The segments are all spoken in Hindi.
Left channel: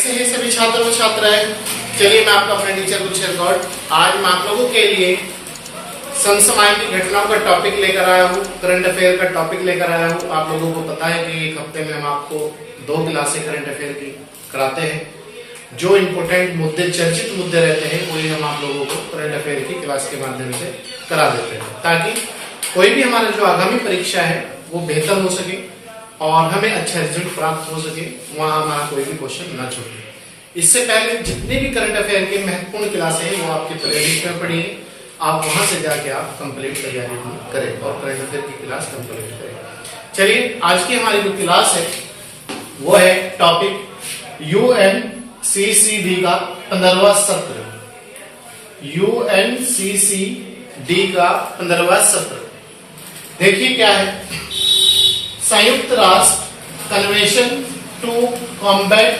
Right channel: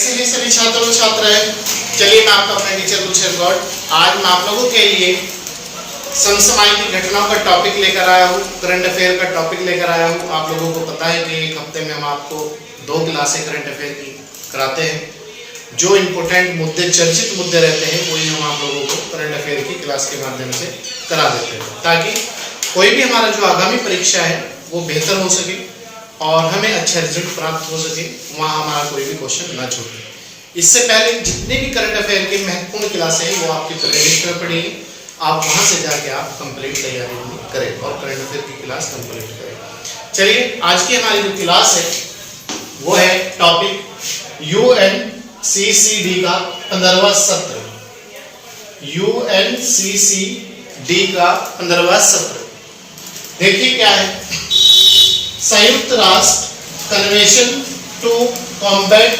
कैसे हैं सभी छात्र और छात्राएं। चलिए मैं आपका अपना टीचर गुलशन गौड आज मैं आप लोगों के लिए समसामयिक घटनाओं का टॉपिक लेकर आया हूँ, करंट अफेयर का टॉपिक लेकर आया हूँ। आप लोगों को पता है कि एक हफ्ते में हम आपको 2 क्लासें करंट अफेयर की कराते हैं। जो इम्पोर्टेंट मुद्दे, चर्चित मुद्दे रहते हैं वही हम आप लोगों को करंट अफेयर की क्लास के माध्यम से करा देते हैं, ताकि कोई भी हमारा जो आगामी परीक्षा है वो बेहतर हो सके और हमें अच्छा रिजल्ट प्राप्त हो सके, वहाँ हमारा कोई भी क्वेश्चन ना छूटे। इससे पहले जितने भी करंट अफेयर के महत्वपूर्ण क्लासें हैं वो आपकी प्लेलिस्ट में पड़ी है, आप वहाँ से जाके आप कंप्लीट तैयारी करें और करंट अफेयर की क्लास कंप्लीट करें। चलिए आज की हमारी जो क्लास है वो है टॉपिक UNCCD का 15वां सत्र। UNCCD का 15वां सत्र देखिए क्या है। संयुक्त राष्ट्र कन्वेंशन टू कॉम्बैट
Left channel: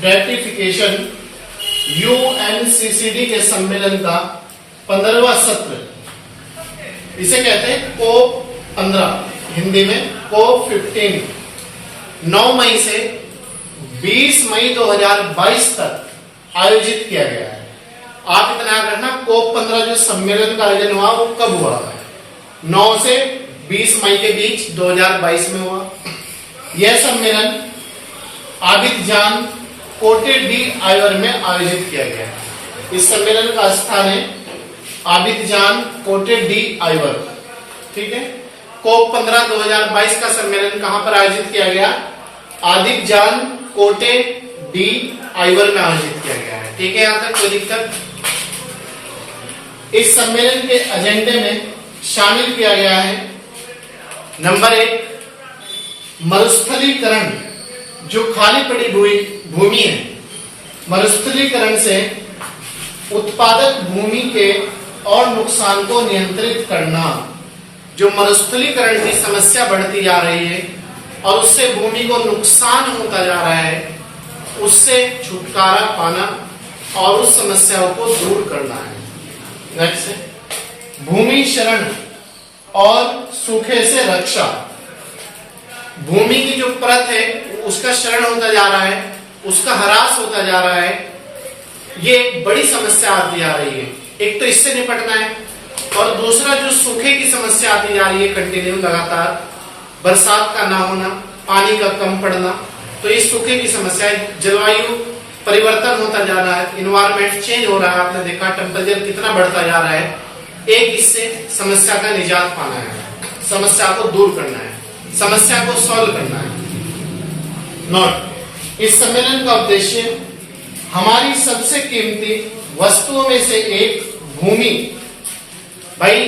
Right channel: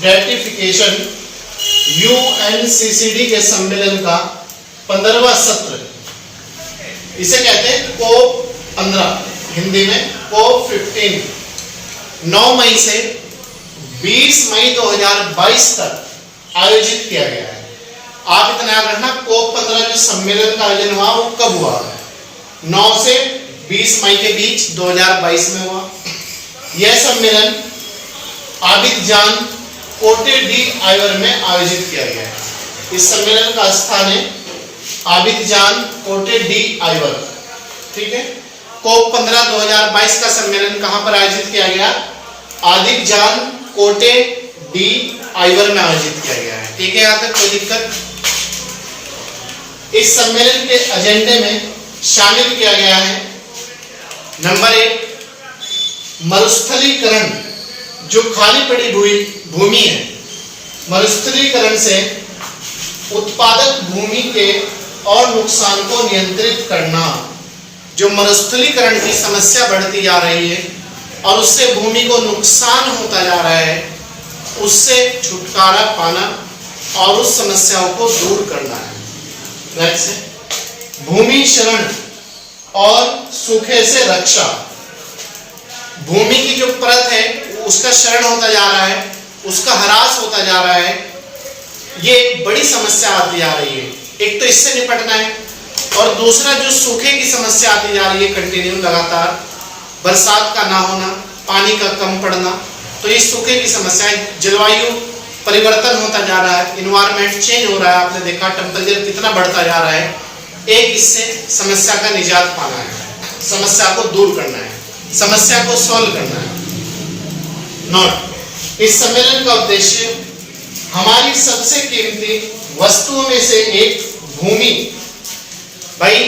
डेर्टिफिकेशन UNCCD के सम्मेलन का 15वां सत्र, इसे कहते हैं COP 15, हिंदी में COP 15, 9 मई से 20 मई 2022 तक आयोजित किया गया है। आप इतना याद रखना, COP 15 जो सम्मेलन का आयोजन हुआ वो कब हुआ? 9 से 20 मई के बीच 2022 में हुआ। यह सम्मेलन आबिदजान कोटे डी आइवर में आयोजित किया गया है। इस सम्मेलन का स्थान है आबिदजान कोटे डी आइवर, ठीक है। COP 15 2022 का सम्मेलन कहां पर आयोजित किया गया? आबिदजान कोटे डी आइवर में आयोजित किया गया है, ठीक है। यहां तक कोई दिक्कत? इस सम्मेलन के एजेंडे में शामिल किया गया है नंबर 1, मरुस्थलीकरण, जो खाली पड़ी भूमि है, मरुस्थलीकरण से उत्पादक भूमि के और नुकसान को नियंत्रित करना। जो मरुस्थलीकरण की समस्या बढ़ती जा रही है और उससे भूमि को नुकसान होता जा रहा है, उससे छुटकारा पाना और उस समस्याओं को दूर करना है। नेक्स्ट है भूमि क्षरण और सूखे से रक्षा। भूमि की जो परत है उसका क्षरण होता जा रहा है, उसका ह्रास होता जा रहा है, ये एक बड़ी समस्या आती जा रही है। एक तो इससे निपटना है और दूसरा जो सूखे की समस्या आती जा रही है, कंटिन्यू लगातार बरसात का ना होना, पानी का कम पड़ना, तो ये सूखे की समस्या है। जलवायु परिवर्तन होता जा रहा है, इन्वायरमेंट चेंज हो रहा है, आपने देखा टेम्परेचर कितना बढ़ता जा रहा है। एक इससे समस्या का निजात पाना है, समस्या को दूर करना है, समस्या को सॉल्व करना है। नोट, इस सम्मेलन का उद्देश्य हमारी सबसे कीमती वस्तुओं में से एक भूमि, भाई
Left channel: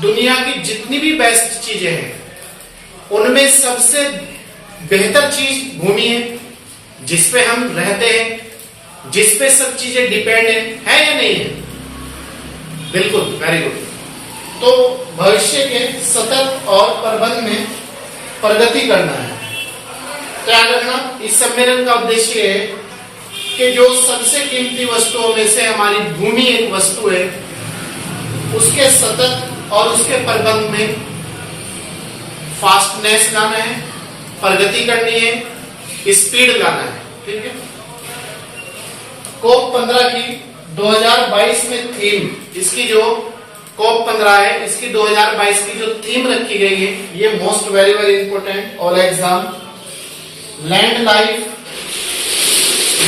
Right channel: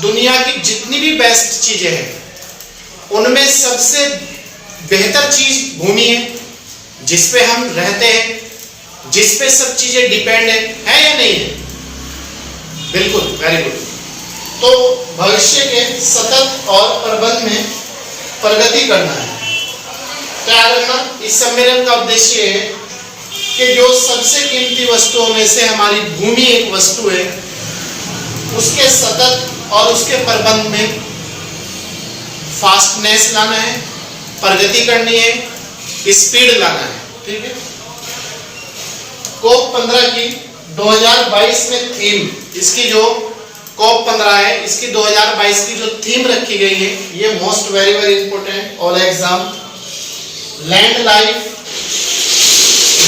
दुनिया की जितनी भी बेस्ट चीजें हैं उनमें सबसे बेहतर चीज भूमि है, जिसपे हम रहते हैं, जिसपे सब चीजें डिपेंड है या नहीं है? बिल्कुल, वेरी गुड। तो भविष्य के सतत और प्रबंध में प्रगति करना है। क्या रखना? इस सम्मेलन का उद्देश्य है कि जो सबसे कीमती वस्तुओं में से हमारी भूमि एक वस्तु है, उसके सतत और उसके प्रबंध में फास्टनेस लाना है, प्रगति करनी है, स्पीड लाना है, ठीक है। COP 15 की 2022 में थीम, इसकी जो COP 15 है इसकी 2022 की जो थीम रखी गई है, ये most very important all exam, land life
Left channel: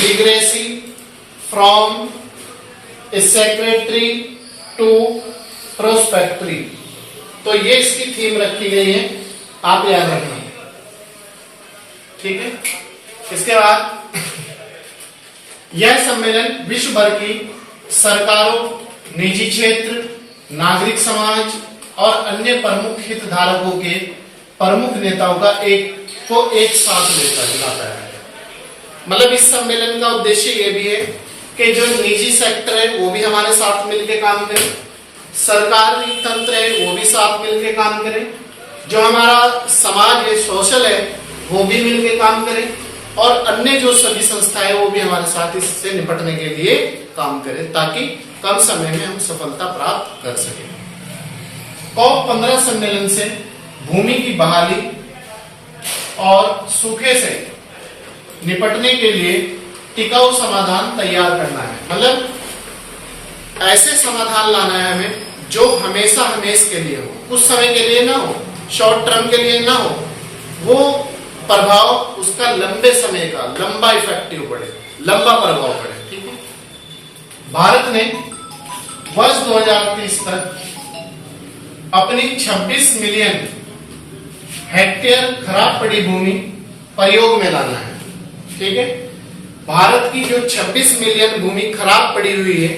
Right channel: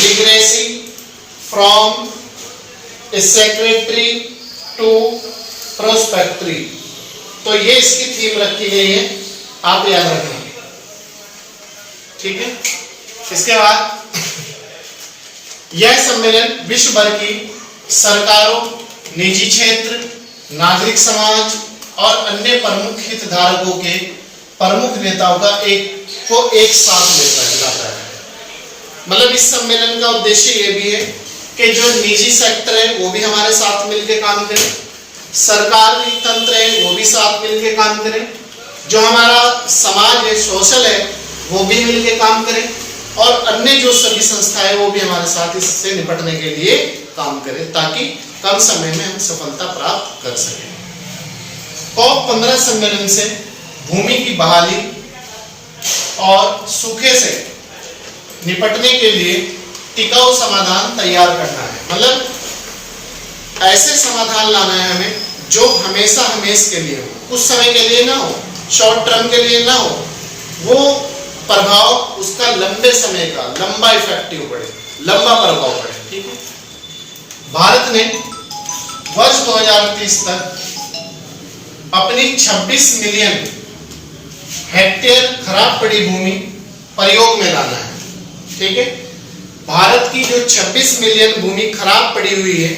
लिगरेसी फ्रॉम सेक्रेटरी टू प्रोस्पेक्टरी। तो ये इसकी थीम रखी गई है, आप याद रखना, ठीक है। इसके बाद यह सम्मेलन विश्व भर की सरकारों, निजी क्षेत्र, नागरिक समाज और अन्य प्रमुख हितधारकों के प्रमुख नेताओं का एक साथ लाता है। मतलब इस सम्मेलन का उद्देश्य ये भी है कि जो निजी सेक्टर है वो भी हमारे साथ मिलकर काम करे, सरकारी तंत्र है वो भी साथ मिलकर काम करे, जो हमारा समाज है, सोशल है, वो भी मिलकर काम करे, और अन्य जो सभी संस्थाएं हैं वो भी हमारे साथ इससे निपटने के लिए काम करें, ताकि कम समय में हम सफलता प्राप्त कर सकें। COP 15 सम्मेलन से भूमि की बहाली और सूखे से निपटने के लिए टिकाऊ समाधान तैयार करना है। मतलब ऐसे समाधान लाना है हमें जो हमेशा हमेश के लिए हो, कुछ समय के लिए ना हो, शॉर्ट टर्म के लिए ना हो, वो प्रभाव उसका लंबे समय का, लंबा इफेक्टिव पड़े, लंबा प्रभाव पड़े। ठीक है। भारत ने वर्ष 2030 तक अपनी 26 मिलियन हेक्टेयर खराब पड़ी भूमि प्रयोग में लाना है। ठीक है। भारत की जो 26 मिलियन भूमि खराब पड़ी हुई है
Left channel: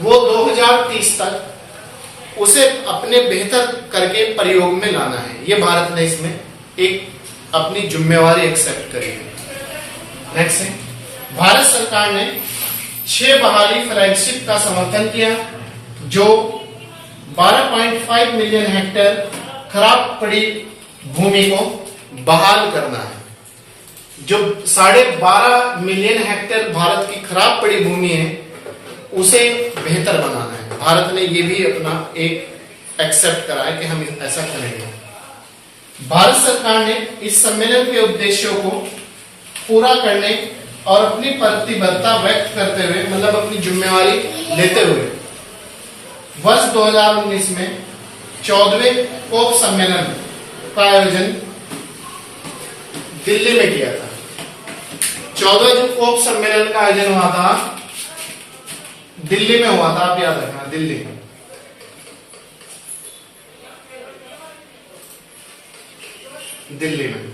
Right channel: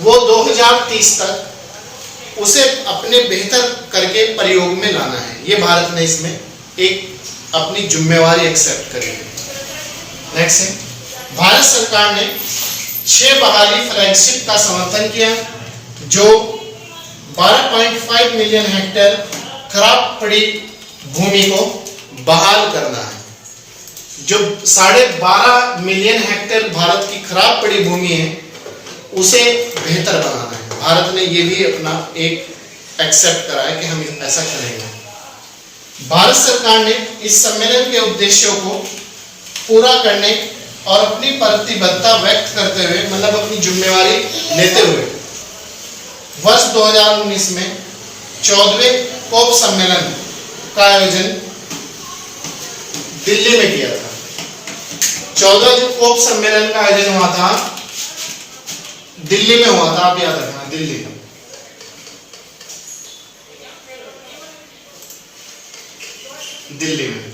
वो 2030 तक उसे अपने बेहतर करके प्रयोग में लाना है। ये भारत ने इसमें एक अपनी जिम्मेवारी एक्सेप्ट करी है। नेक्स्ट है, भारत सरकार ने 6 बहाली फ्लैगशिप का समर्थन किया जो 12.5 मिलियन हेक्टेयर खराब पड़ी भूमि को बहाल करना है। जो 12.5 मिलियन हेक्टेयर भारत की खराब पड़ी भूमि है उसे बेहतर बनाना है। भारत ने ये भी अपना एक एक्सेप्ट करा है कि हम ऐसा करेंगे। भारत सरकार ने इस सम्मेलन के उद्देश्यों को पूरा करने और अपनी प्रतिबद्धता व्यक्त करते हुए, मतलब अपनी जिम्मेवारी लेते हुए, वर्ष 2019 में 14वें कोप सम्मेलन का आयोजन दिल्ली में किया था। 14वां जो कोप सम्मेलन का आयोजन हुआ था दिल्ली में हुआ था, आप याद रखना, दिल्ली में। दिल्ली में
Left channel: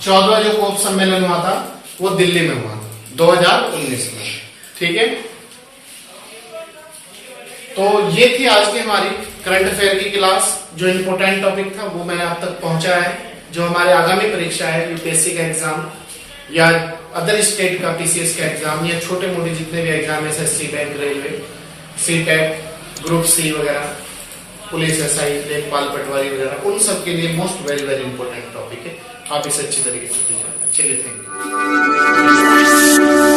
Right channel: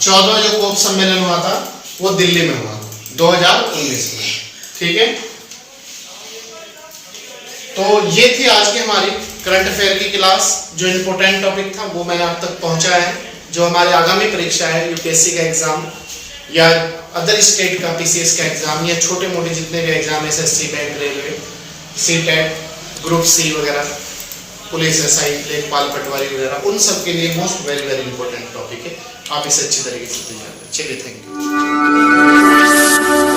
14वां जो कोप सम्मेलन हुआ था वो दिल्ली में हुआ 2019 में। ठीक है। तो ये थी आज की हमारी करंट अफेयर की क्लास। जो इंपॉर्टेंट टॉपिक था वो मैंने आप तक पहुंचाया है। जो हमारे आगामी परीक्षा है, यूपीएससी का एग्जाम या अदर स्टेट का पीसीएस का एग्जाम या छोटे मोटे जितने भी exam, SSC, bank, railway, CTET, group C वगैरह, पुलिस, एसआई, लेखपाल, पटवारी वगैरह, उन सब के लिए most very very important topic है। आप इसे अच्छी तरीके से तैयार करें। चलिए, थैंक यू।